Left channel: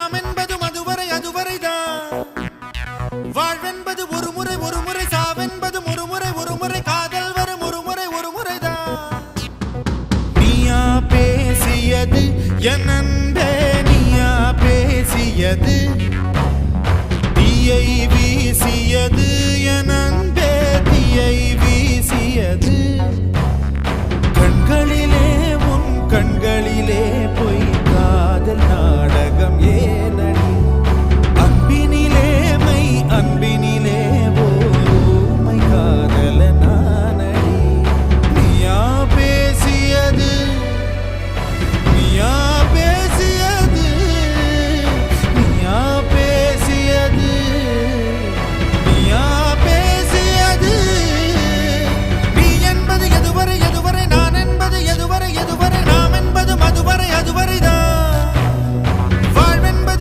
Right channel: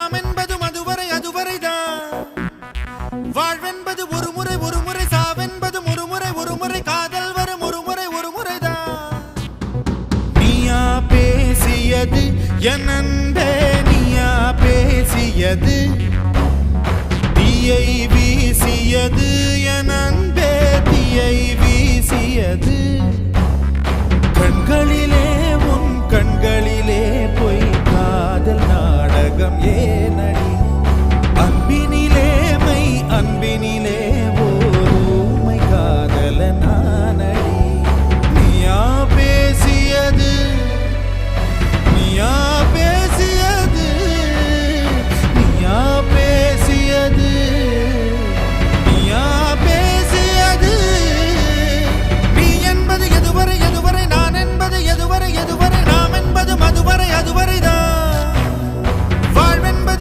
என்பதும் அதுவரைதான் வாழ்வென்பது ஒரு முறை சாவென்பதும் ஒரு முறை காதல் வரும் ஒரு முறைதான் நீயா பேசியது என் அன்பே நீயா பேசியது தீயை வீசியது என் அன்பே தீயை வீசியது கண்களிலே உன் கண்களிலே பொய் காதல் நாடகம்